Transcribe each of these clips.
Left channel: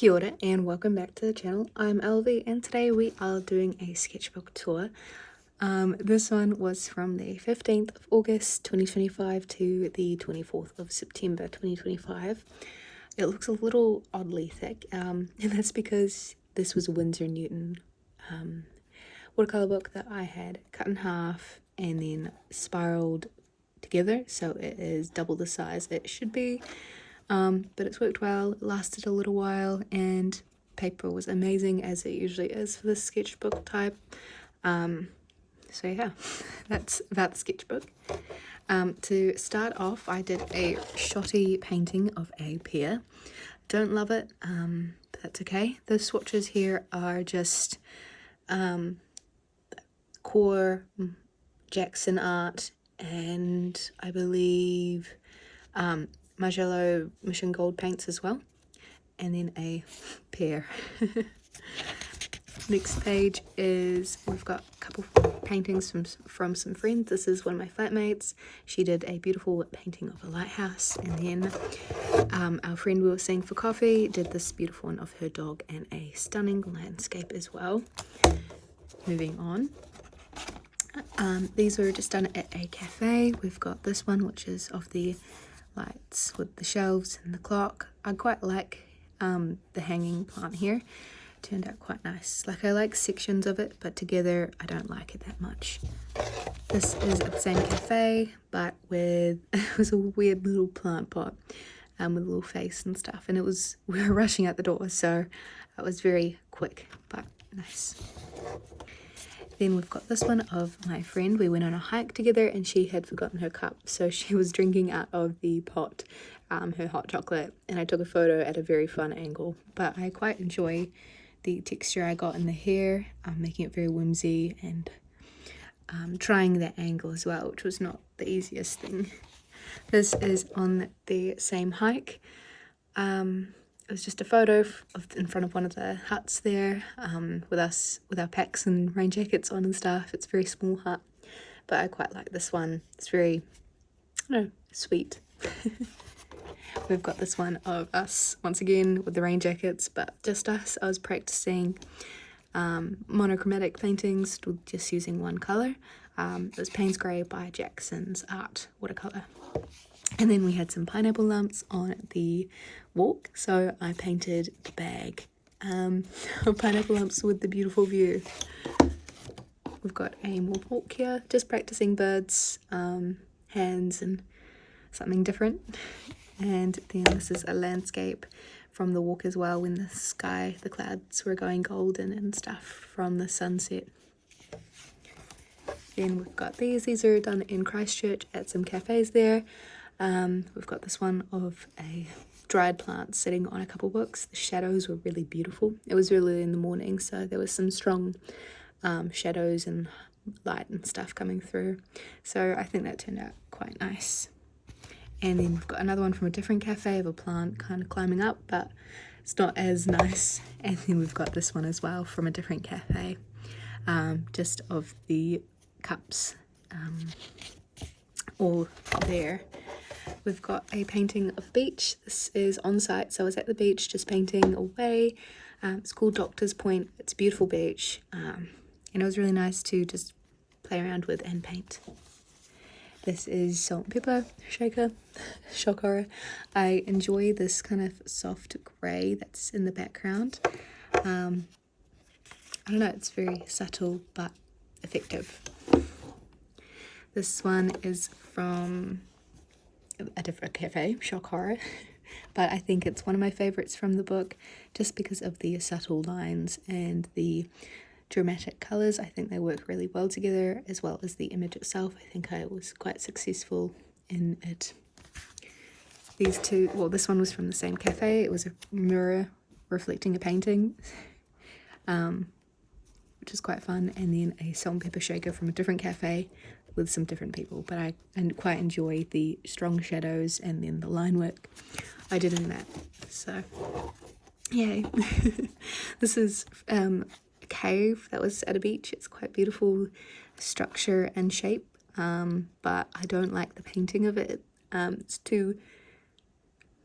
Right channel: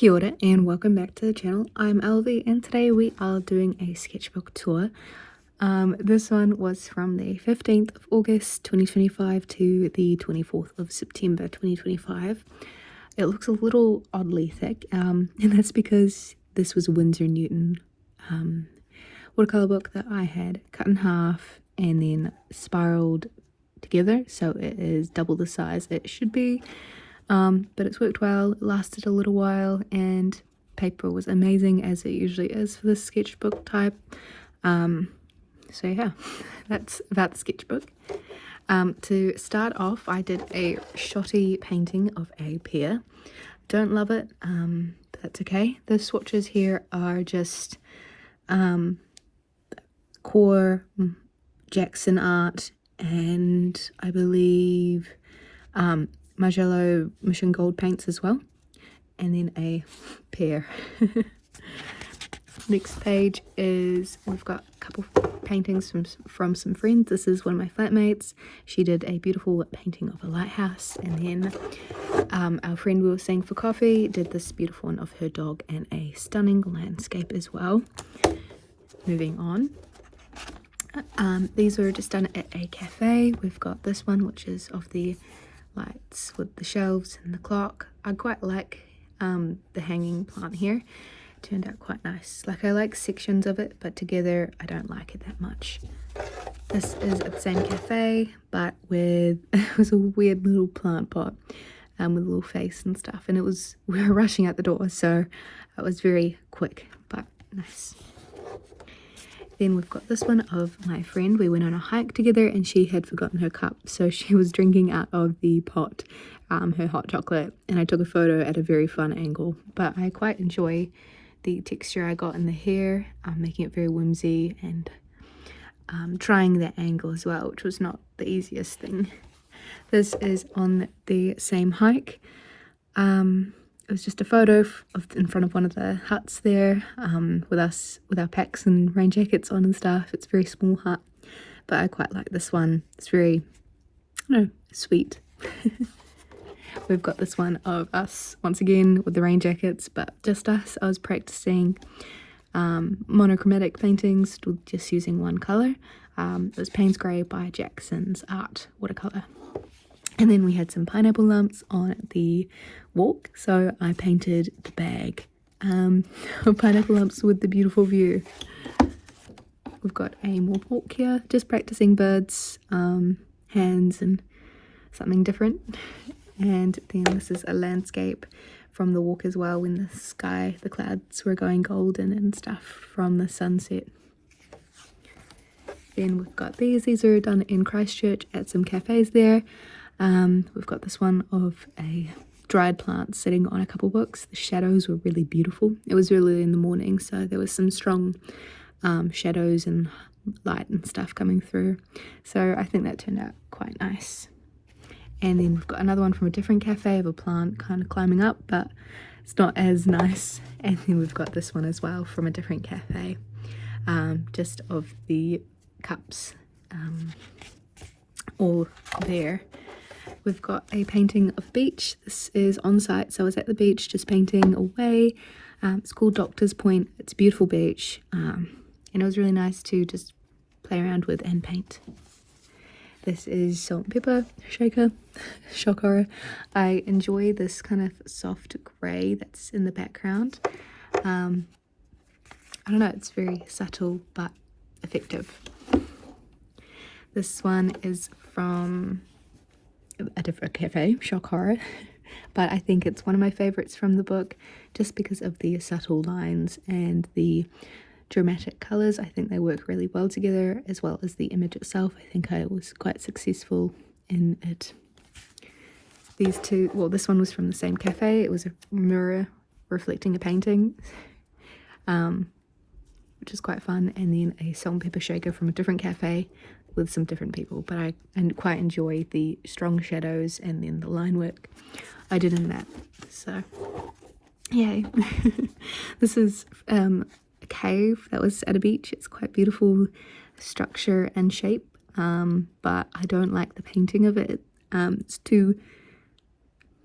Kia ora and welcome back to the channel. I'm Elvie and today we are doing a sketchbook tour. This one was from the 15th of August 2025 to the 24th of September 2025. It looks a little oddly thick and that's because this was a Winsor Newton watercolor book that I had cut in half and then spiraled together, so it is double the size it should be. But it's worked well, it lasted a little while, and paper was amazing as it usually is for this sketchbook type. So yeah, that's about the sketchbook. To start off, I did a shotty painting of a pear. Don't love it, but that's okay. The swatches here are just core Jackson art and I believe Margello Mission Gold paints as well, and then a pear. Next page is, we've got a couple paintings from some friends. This is one of my flatmates. She did a beautiful painting of a lighthouse, and then our friend we were seeing for coffee did this beautiful one of her dog and a stunning landscape as well. Moving on. These were just done at a cafe. We've got this one which is of the lights with the shelves and the clock. I quite like the hanging plant here. Turned out quite nice. Like, I like sections of it, but together I don't like it that much. This is at the same cafe, but with it was a weird little plant pot with a little face and stuff, and we were rushing out the door, so it was very quick but nice. Then we've got this one of my friend. We went on a hike together and she had forgotten her cup, so she was drinking out of the pot, her hot chocolate, and I took a photo at a very fun angle. But I quite enjoy the texture I got in the hair, making it very whimsy, and trying that angle as well, which was not the easiest thing. This is on the same hike. It was just a photo in front of one of the huts there, with us with our packs and rain jackets on and stuff. It's a very small hut, but I quite like this one. It's very, I don't know, sweet. We've got this one of us once again with the rain jackets, but just us. I was practicing monochromatic paintings with just using one colour. It was Payne's Grey by Jackson's Art watercolour. And then we had some pineapple lumps on the walk, so I painted the bag of pineapple lumps with the beautiful view. We've got a more walk here, just practicing birds, hands and something different. And then this is a landscape from the walk as well, when the sky, the clouds were going golden and stuff from the sunset. Then we've got these are done in Christchurch at some cafes there. We've got this one of a dried plant sitting on a couple books. The shadows were really beautiful. It was really in the morning, so there was some strong shadows and light and stuff coming through. So I think that turned out quite nice. And then we've got another one from a different cafe of a plant kind of climbing up, but it's not as nice. And then we've got this one as well from a different cafe, just of the cups all there. We've got a painting of beach. This is on site, so I was at the beach just painting away. It's called Doctor's Point. It's a beautiful beach, and it was really nice to just play around with and paint. This is salt and pepper shaker, shock horror. I enjoy this kind of soft grey that's in the background. I don't know, it's very subtle but effective. This one is from a different cafe, shock horror, but I think it's one of my favourites from the book just because of the subtle lines and the dramatic colours. I think they work really well together, as well as the image itself. I think I was quite successful in it. These two, well, this one was from the same cafe. It was a mirror reflecting a painting, which is quite fun, and then a salt and pepper shaker from a different cafe with some different people, but I quite enjoy the strong shadows and then the line work I did in that, so yay. This is a cave that was at a beach. It's quite beautiful structure and shape, but I don't like the painting of it. It's too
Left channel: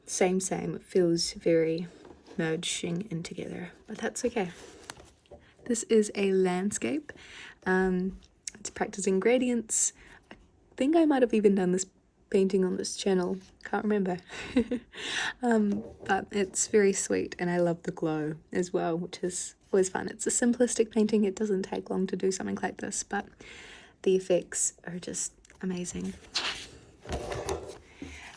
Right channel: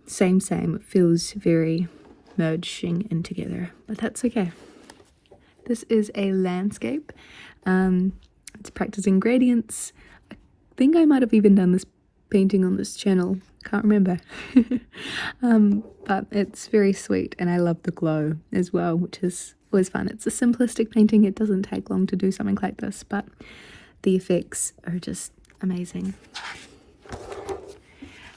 same. It feels very merging in together, but that's okay. This is a landscape. It's practicing gradients. I think I might have even done this painting on this channel, can't remember. But it's very sweet, and I love the glow as well, which is always fun. It's a simplistic painting, it doesn't take long to do something like this, but the effects are just amazing.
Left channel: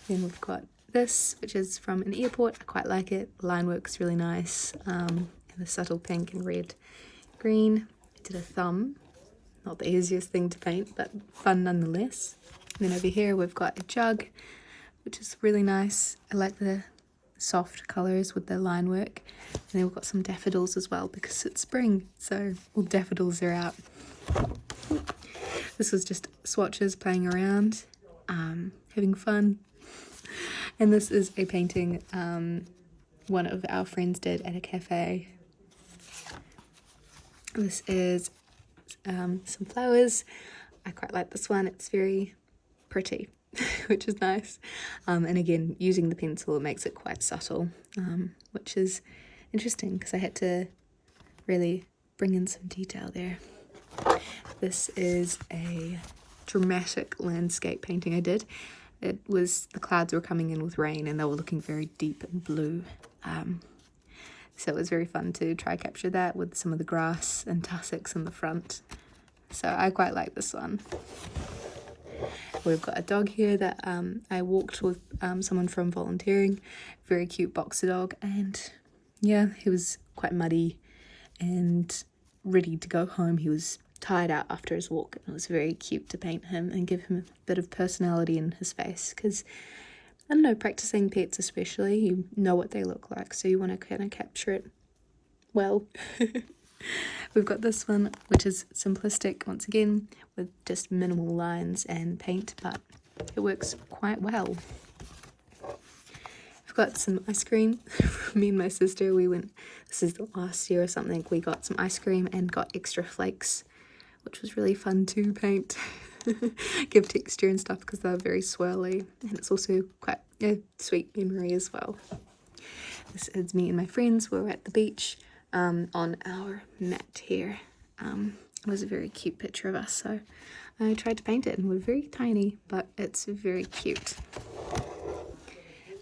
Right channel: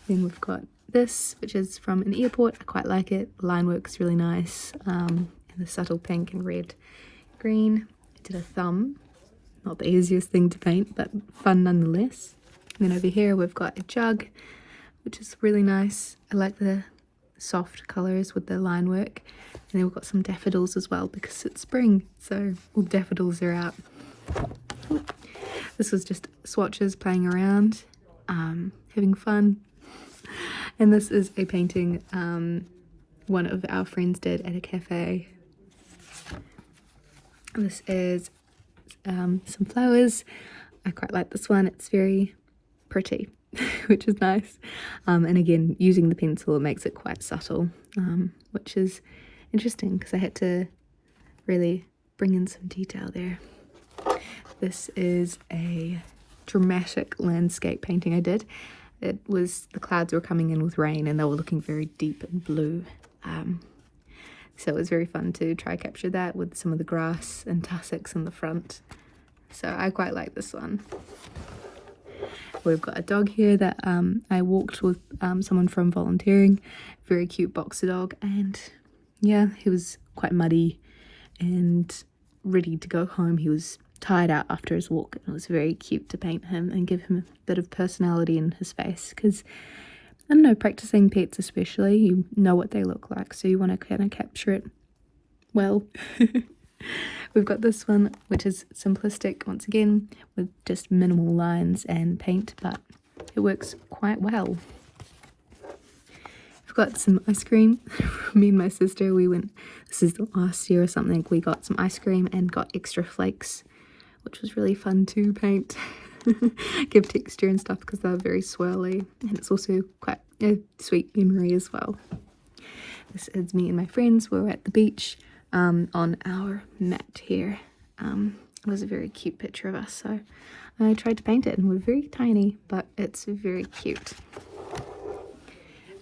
Then we've got this, which is from an airport. I quite like it. Line work's really nice, and the subtle pink and red, green. I did a thumb, not the easiest thing to paint, but fun nonetheless. And then over here we've got a jug, which is really nice. I like the soft colours with the line work. And then we've got some daffodils as well because it's spring, so all daffodils are out. This was just swatches playing around, having fun. And this is a painting one of our friends did at a cafe. This is some flowers. I quite like this one. It's very pretty, which is nice. And again, using the pencil, it makes it quite subtle, which is interesting because I had to really bring in some detail there. This is a dramatic landscape painting I did. It was, the clouds were coming in with rain and they were looking very deep and blue. So it was very fun to try capture that with some of the grass and tussocks in the front. So I quite like this one. We've got a dog here that I walked with someone from volunteering. Very cute boxer dog, and yeah, he was quite muddy and ready to go home. He was tired out after his walk, and it was very cute to paint him and give him a bit of personality in his face, because I don't know, practicing pets especially, you know what they look like, so you want to kind of capture it well. We've got this one, which is simplistic once again, with just minimal lines and paint, but it works quite well. I've got some ice cream. Me and my sister, we went, this is the last year or something, we got some ice cream and got extra flakes, which was really fun to paint. Give texture and stuff because they're very swirly, and it's also quite a sweet memory as well. This is me and my friends. We were at the beach on our mat here. It was a very cute picture of us, so I tried to paint it, and we're very tiny, but it's very cute.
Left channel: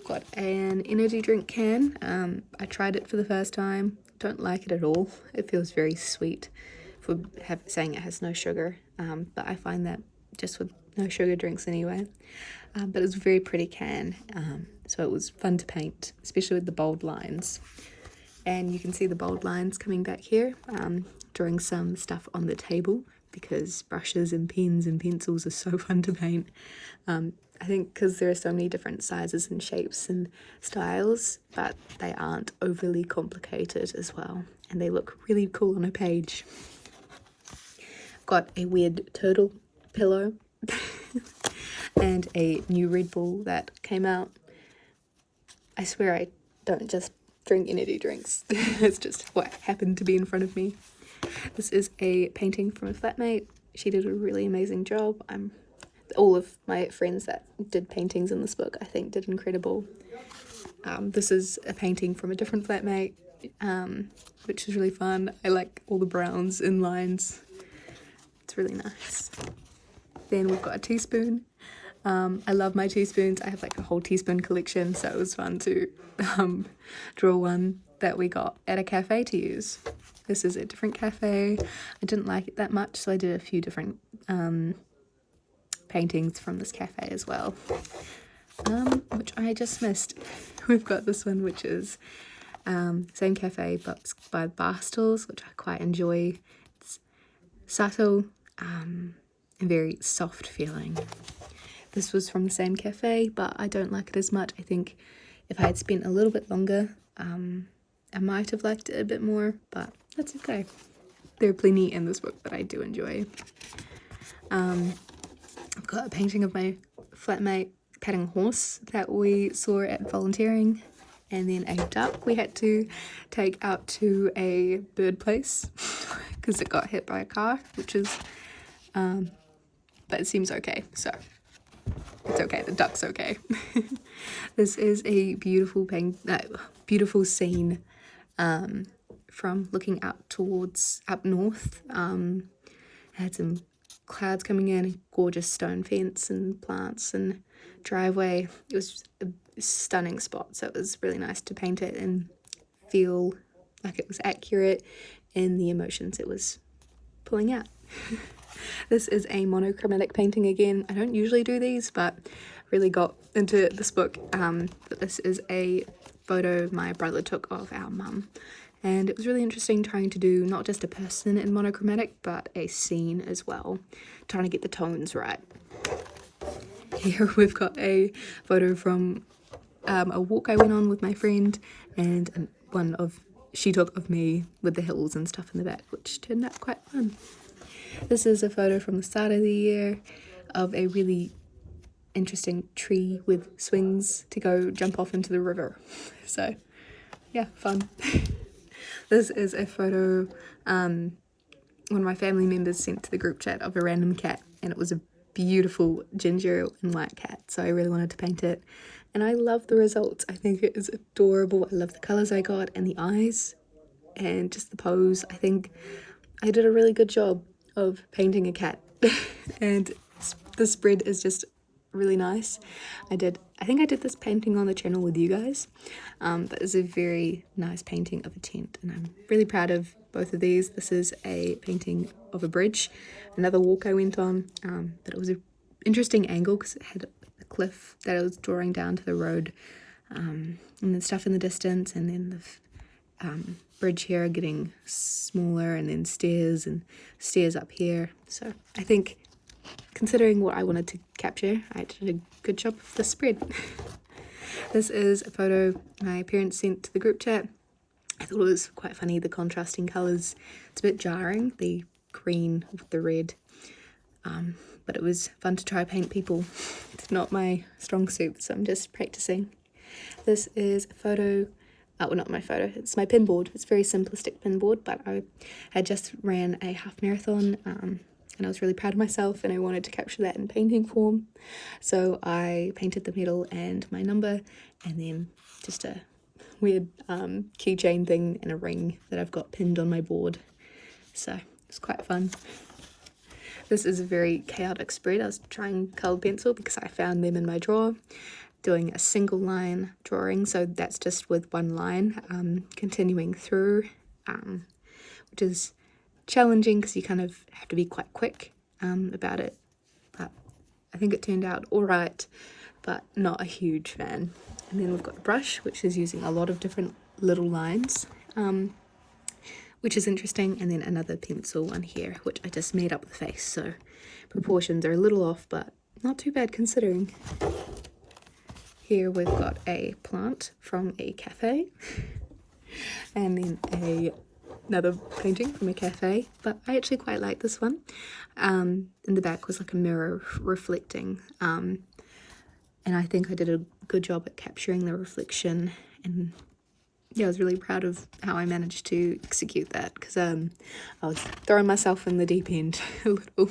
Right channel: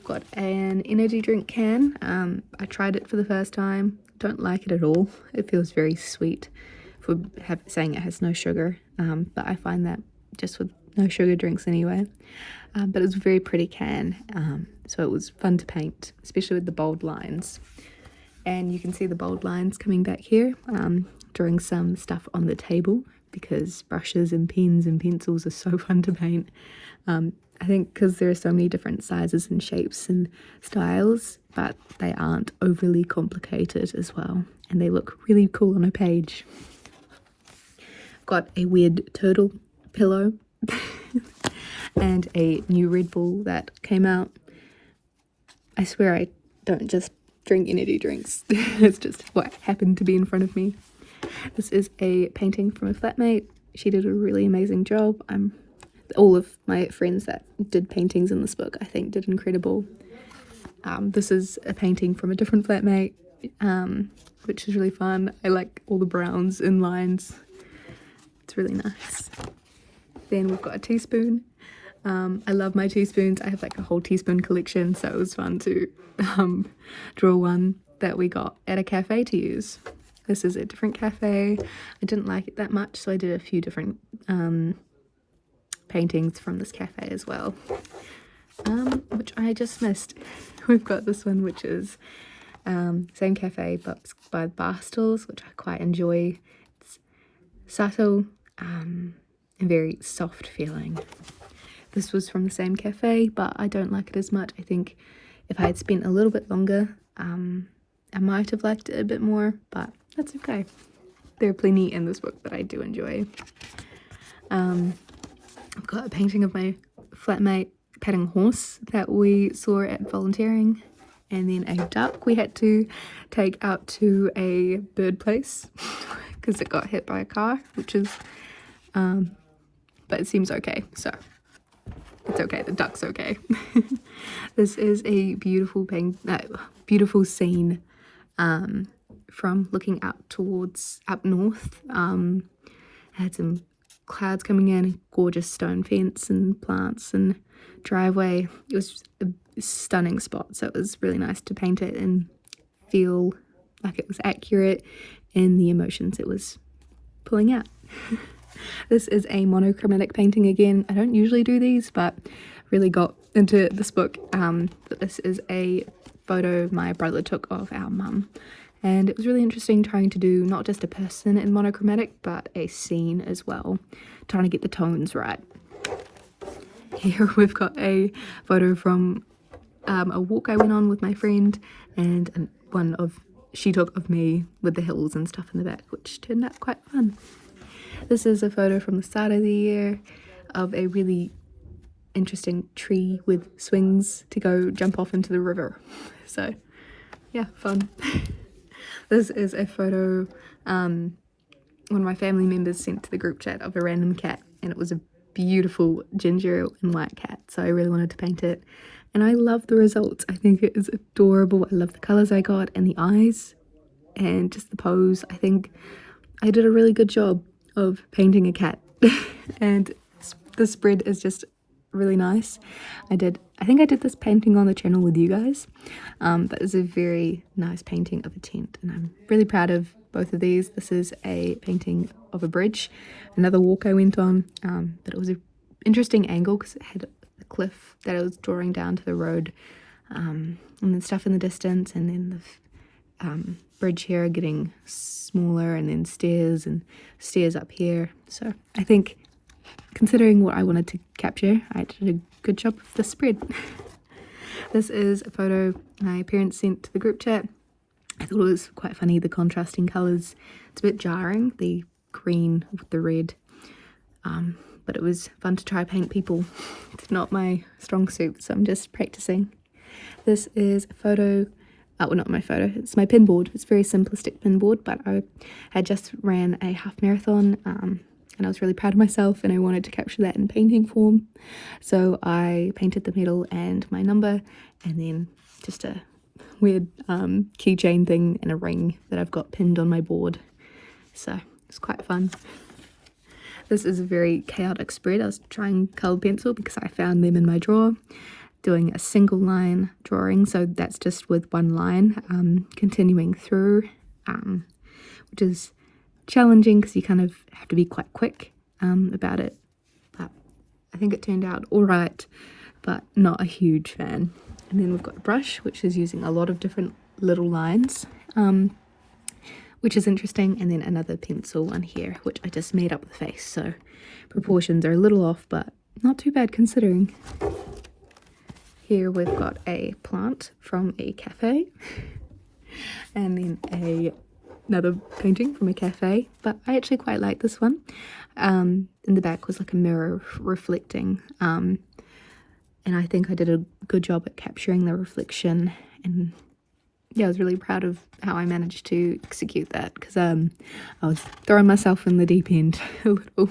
Got an energy drink can. I tried it for the first time. Don't like it at all. It feels very sweet for saying it has no sugar, but I find that just with no sugar drinks anyway. But it was a very pretty can, so it was fun to paint, especially with the bold lines. And you can see the bold lines coming back here, drawing some stuff on the table, because brushes and pens and pencils are so fun to paint. I think because there are so many different sizes and shapes and styles, but they aren't overly complicated as well, and they look really cool on a page. I've got a weird turtle pillow and a new Red Bull that came out. I swear I don't just drink energy drinks. It's just what happened to be in front of me. This is a painting from a flatmate. She did a really amazing job. All of my friends that did paintings in this book, I think, did incredible. This is a painting from a different flatmate, which is really fun. I like all the browns and lines. It's really nice. Then we've got a teaspoon. I love my teaspoons. I have like a whole teaspoon collection, so it was fun to draw one that we got at a cafe to use. This is a different cafe. I didn't like it that much, so I did a few different paintings from this cafe as well, which I just missed. We've got this one, which is same cafe but by Barstools, which I quite enjoy. It's subtle and very soft feeling. This was from the same cafe, but I don't like it as much. I think if I had spent a little bit longer, I might have liked it a bit more, but that's okay. There are plenty in this book that I do enjoy. I've got a painting of my flatmate petting a horse that we saw at volunteering, and then a duck we had to take out to a bird place because it got hit by a car, which is, but it seems okay, so It's okay, the duck's okay. This is a beautiful beautiful scene from looking out towards up north. Had some clouds coming in, gorgeous stone fence and plants and driveway. It was a stunning spot, so it was really nice to paint it and feel like it was accurate in the emotions it was pulling out. This is a monochromatic painting again. I don't usually do these, but really got into this book. But this is a photo my brother took of our mum, and it was really interesting trying to do not just a person in monochromatic, but a scene as well, trying to get the tones right. Here we've got a photo from a walk I went on with my friend, and one she took of me with the hills and stuff in the back, which turned out quite fun. This is a photo from the start of the year of a really interesting tree with swings to go jump off into the river. So yeah, fun. This is a photo one of my family members sent to the group chat of a random cat, and it was a beautiful ginger and white cat, so I really wanted to paint it, and I love the results. I think it is adorable. I love the colours I got and the eyes and just the pose. I think I did a really good job of painting a cat and the spread is just really nice. I think I did this painting on the channel with you guys. That is a very nice painting of a tent, and I'm really proud of both of these. This is a painting of a bridge, another walk I went on, but it was an interesting angle because it had a cliff that I was drawing down to the road, and then stuff in the distance, and then the bridge here getting smaller, and then stairs up here. So I think, considering what I wanted to capture, I did a good job of the spread. This is a photo my parents sent to the group chat. I thought it was quite funny, the contrasting colours. It's a bit jarring, the green with the red, but it was fun to try paint people. It's not my strong suit, so I'm just practicing. This is a photo, well, not my photo, it's my pin board. It's a very simplistic pin board, but I had just ran a half marathon, and I was really proud of myself, and I wanted to capture that in painting form. So I painted the medal and my number, and then just a weird keychain thing and a ring that I've got pinned on my board. So it's quite fun. This is a very chaotic spread. I was trying coloured pencil because I found them in my drawer, doing a single line drawing, so that's just with one line, continuing through, which is challenging because you kind of have to be quite quick about it, but I think it turned out all right, but not a huge fan. And then we've got a brush, which is using a lot of different little lines, which is interesting, and then another pencil one here, which I just made up the face, so proportions are a little off, but not too bad considering. Here we've got a plant from a cafe, and then another painting from a cafe, but I actually quite like this one. In the back was like a mirror reflecting, and I think I did a good job at capturing the reflection, and yeah, I was really proud of how I managed to execute that, because I was throwing myself in the deep end a little.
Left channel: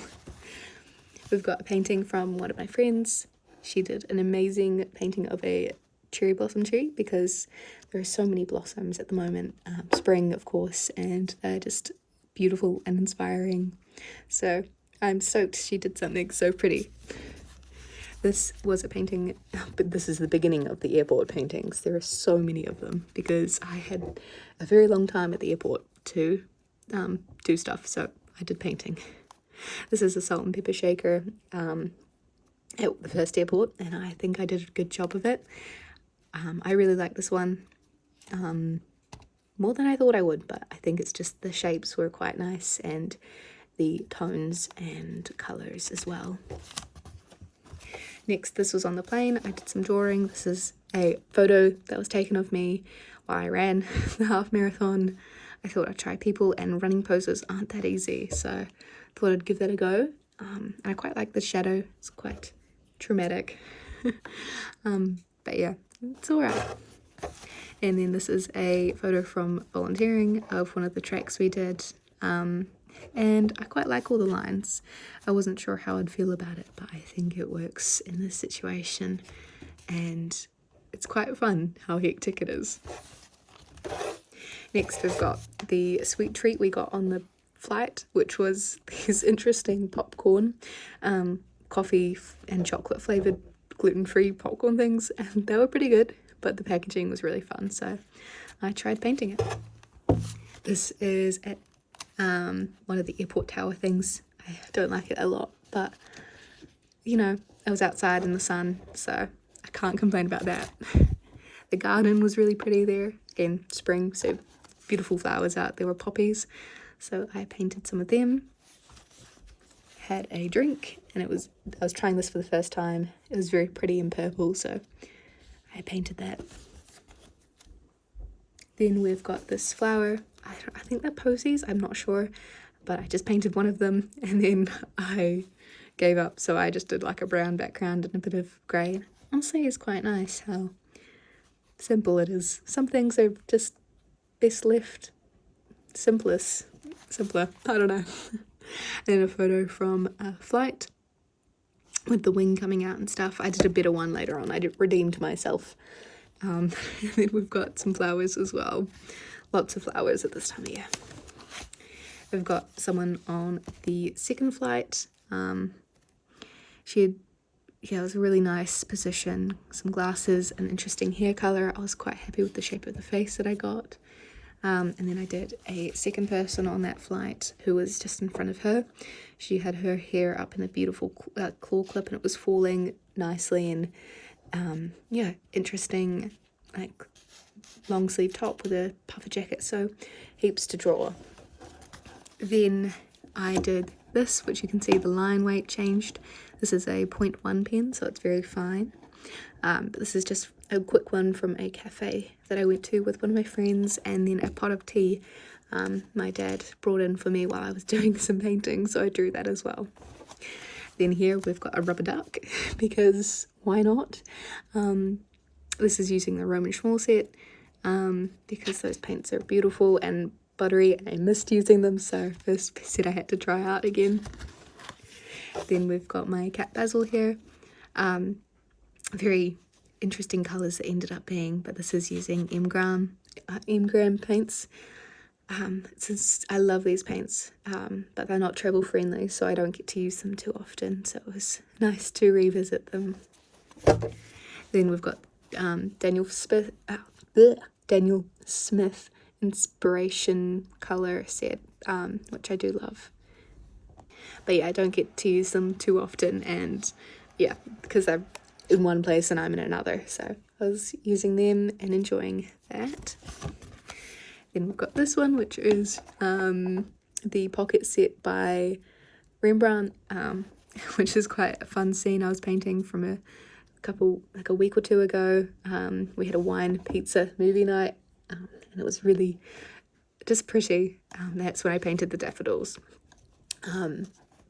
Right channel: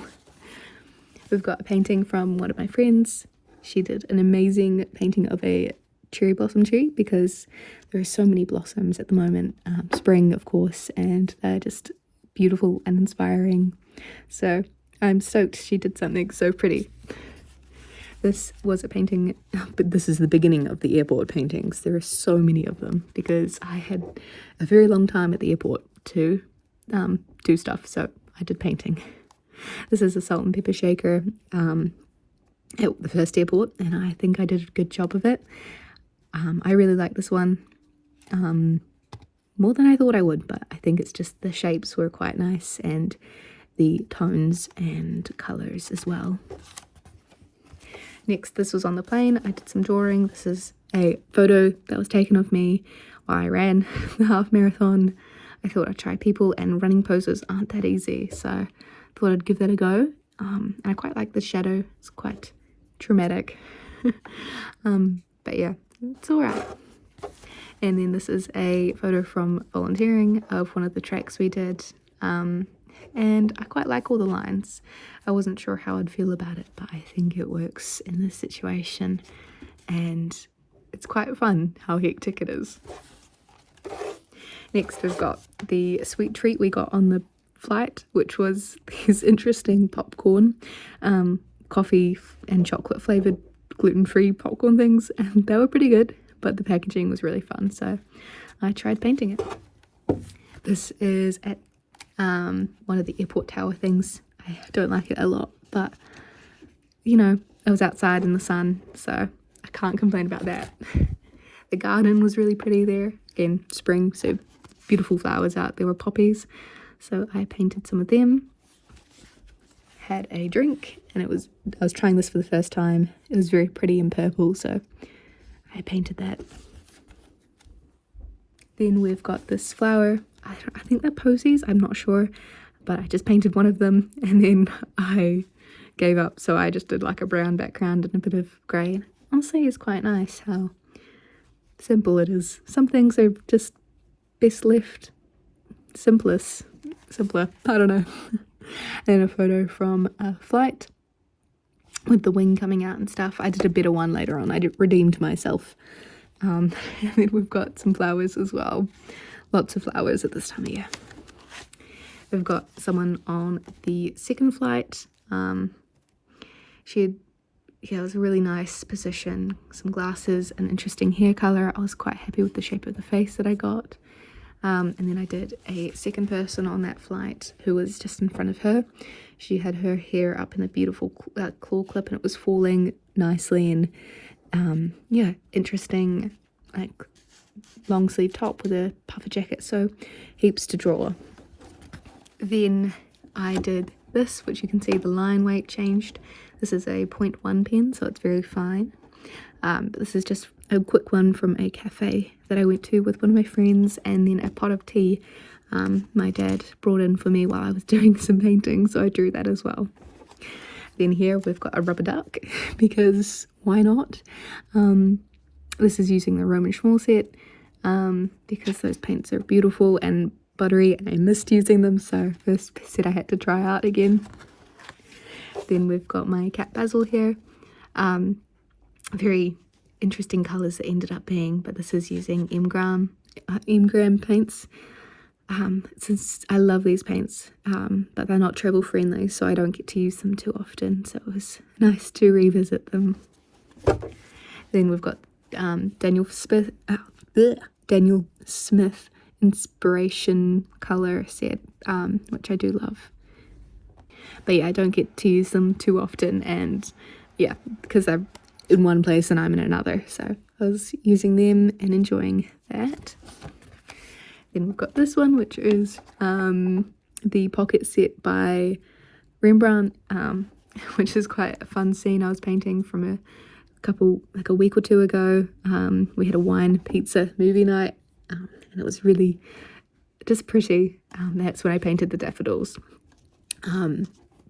We've got a painting from one of my friends. She did an amazing painting of a cherry blossom tree, because there are so many blossoms at the moment, spring of course, and they're just beautiful and inspiring. So I'm stoked she did something so pretty. This was a painting, but this is the beginning of the airport paintings. There are so many of them because I had a very long time at the airport to do stuff, so I did painting. This is a salt and pepper shaker at the first airport, and I think I did a good job of it. I really like this one more than I thought I would, but I think it's just the shapes were quite nice and the tones and colours as well. Next, this was on the plane. I did some drawing. This is a photo that was taken of me while I ran the half marathon. I thought I'd try people, and running poses aren't that easy, so I thought I'd give that a go. And I quite like the shadow. It's quite dramatic. But yeah, it's alright. And then this is a photo from volunteering of one of the tracks we did. and I quite like all the lines. I wasn't sure how I'd feel about it, but I think it works in this situation, and it's quite fun how hectic it is. Next we've got the sweet treat we got on the flight, which was these interesting popcorn, coffee and chocolate flavoured gluten-free popcorn things, and they were pretty good, but the packaging was really fun, so I tried painting it. This is at one of the airport tower things. I don't like it a lot, but you know, it was outside in the sun, so I can't complain about that. The garden was really pretty there. Again, spring, so beautiful flowers out. There were poppies, so I painted some of them. Had a drink, and I was trying this for the first time. It was very pretty in purple, so I painted that. Then we've got this flower. I think they're posies, I'm not sure, but I just painted one of them, and then I gave up, so I just did like a brown background and a bit of grey. Honestly, it's quite nice how simple it is. Some things are just best left simpler, I don't know. And a photo from a flight with the wing coming out and stuff. I did a better one later on. I redeemed myself. And then we've got some flowers as well. Lots of flowers at this time of year. We've got someone on the second flight. It was a really nice position, some glasses, an interesting hair colour. I was quite happy with the shape of the face that I got. And then I did a second person on that flight who was just in front of her. She had her hair up in a beautiful claw clip, and it was falling nicely, and yeah, interesting, like long sleeve top with a puffer jacket, so heaps to draw. Then I did this, which you can see the line weight changed. This is a 0.1 pen, so it's very fine. But this is just a quick one from a cafe that I went to with one of my friends, and then a pot of tea my dad brought in for me while I was doing some painting, so I drew that as well. Then here we've got a rubber duck, because why not? This is using the Roman Schmall set, because those paints are beautiful and buttery, and I missed using them, so this set I had to try out again. Then we've got my cat Basil here. Very interesting colours that ended up being, but this is using Engram paints. I love these paints, but they're not travel friendly, so I don't get to use them too often, so it was nice to revisit them. Then we've got Daniel Smith inspiration colour set, which I do love. But yeah, I don't get to use them too often, and yeah, because they're in one place and I'm in another, so I was using them and enjoying that. Then we've got this one, which is the pocket set by Rembrandt, which is quite a fun scene I was painting from a week or two ago. We had a wine pizza movie night, and it was really just pretty. That's when I painted the daffodils.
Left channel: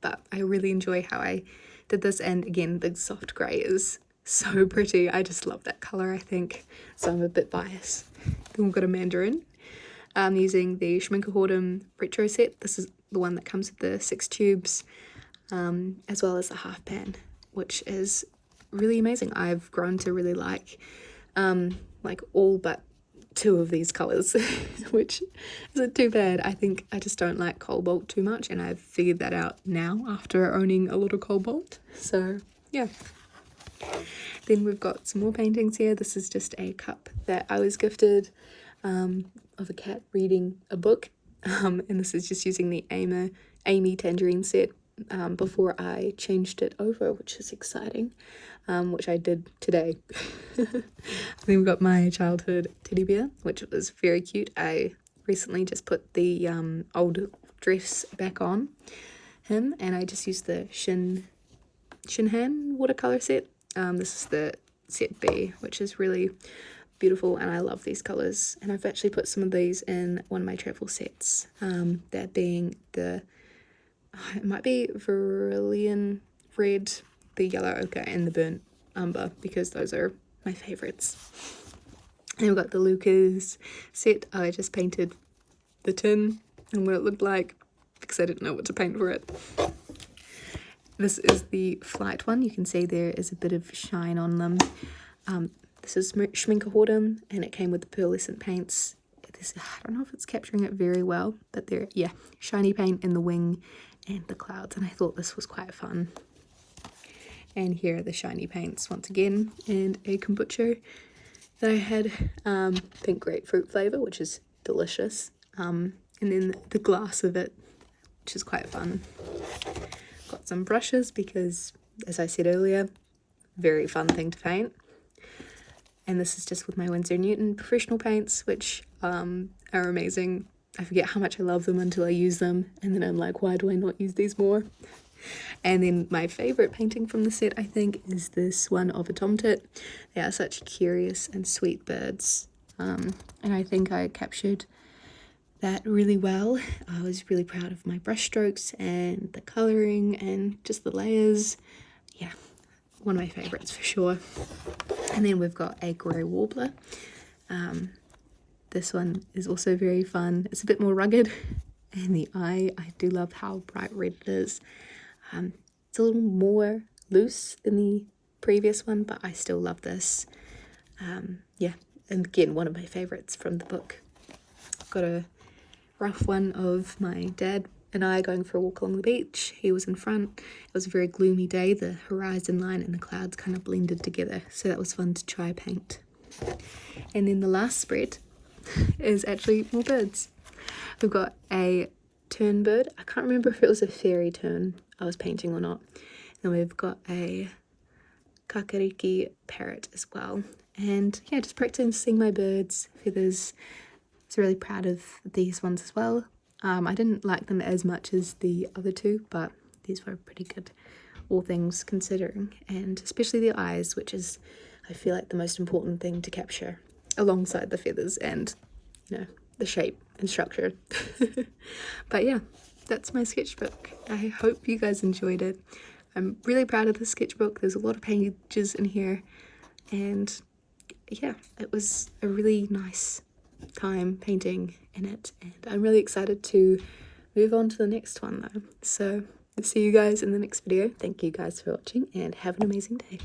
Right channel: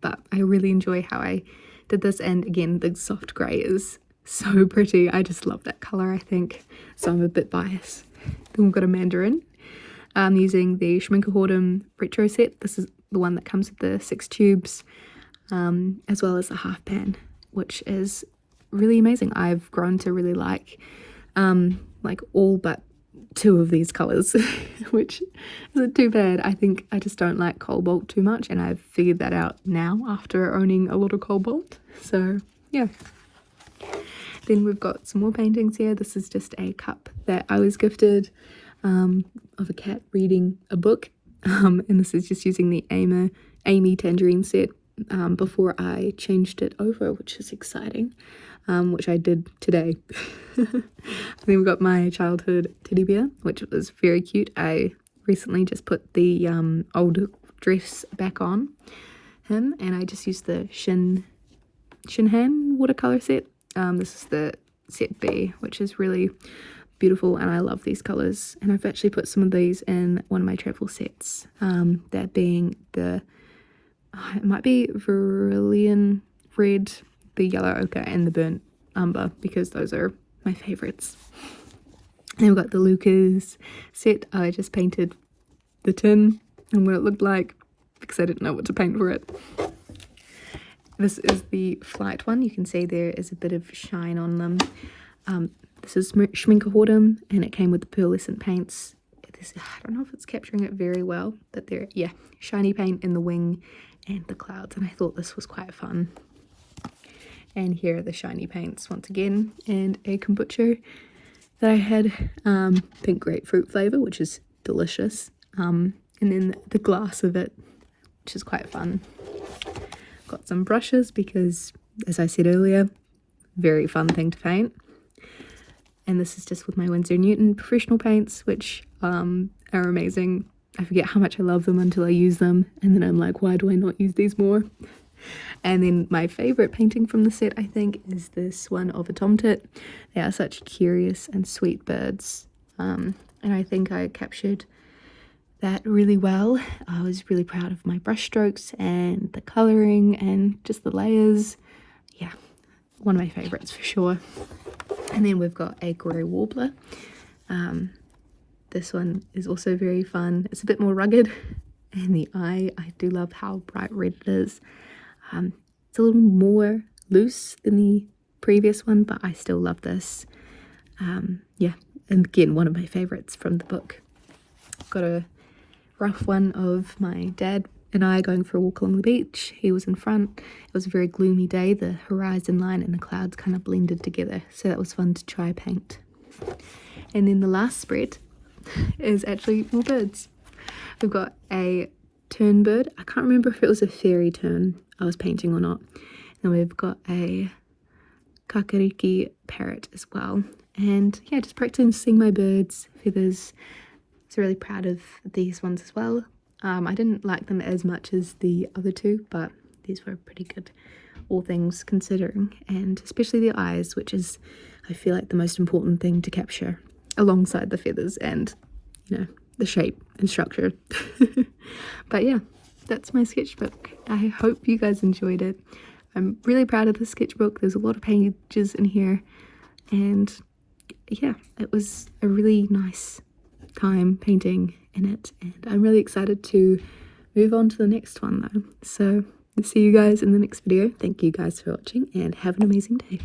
But I really enjoy how I did this, and again, the soft grey is so pretty. I just love that colour, I think, so I'm a bit biased. Then we've got a mandarin. I'm using the Schminkerhorden retro set. This is the one that comes with the 6 tubes, as well as the half pan, which is really amazing. I've grown to really like all but 2 of these colours, which isn't too bad. I think I just don't like cobalt too much, and I've figured that out now after owning a lot of cobalt, so yeah. Then we've got some more paintings here. This is just a cup that I was gifted of a cat reading a book, and this is just using the Amy Tangerine set before I changed it over, which is exciting, which I did today. Then we've got my childhood teddy bear, which was very cute. I recently just put the old dress back on him, and I just used the Shinhan watercolor set. This is the set B, which is really beautiful, and I love these colours, and I've actually put some of these in one of my travel sets, that being it might be Vermilion Red, the Yellow Ochre, and the Burnt Umber, because those are my favourites. And we've got the Lucas set. I just painted the tin and what it looked like. because I didn't know what to paint for it. This is the Flight one. You can see there is a bit of shine on them. This is Schminkerhorden, and it came with the pearlescent paints. I don't know if it's capturing it very well, but there, yeah, shiny paint in the wing and the clouds, and I thought this was quite fun. And here are the shiny paints once again, and a kombucha that I had, pink grapefruit flavour, which is delicious, and then the glass of it, which is quite fun. Got some brushes because, as I said earlier, very fun thing to paint. And this is just with my Winsor & Newton professional paints, which are amazing. I forget how much I love them until I use them, and then I'm like, why do I not use these more? And then my favourite painting from the set, I think, is this one of a tomtit. They are such curious and sweet birds, and I think I captured that really well. I was really proud of my brush strokes and the colouring and just the layers. Yeah, one of my favourites for sure. And then we've got a grey warbler. This one is also very fun. It's a bit more rugged, and the eye, I do love how bright red it is. It's a little more loose than the previous one, but I still love this. Yeah, and again, one of my favourites from the book. Got a rough one of my dad and I going for a walk along the beach. He was in front. It was a very gloomy day. The horizon line and the clouds kind of blended together, so that was fun to try paint. And then the last spread is actually more birds. We've got a tern bird. I can't remember if it was a fairy tern I was painting or not. And we've got a kakariki parrot as well. And yeah, just practicing my birds, feathers. I was really proud of these ones as well. I didn't like them as much as the other two, but these were pretty good, all things considering. And especially the eyes, which is, I feel like, the most important thing to capture, alongside the feathers and, you know, the shape and structure. But yeah, that's my sketchbook. I hope you guys enjoyed it. I'm really proud of the sketchbook. There's a lot of pages in here, and yeah, it was a really nice time painting in it, and I'm really excited to move on to the next one though. So I'll see you guys in the next video. Thank you guys for watching, and have an amazing day.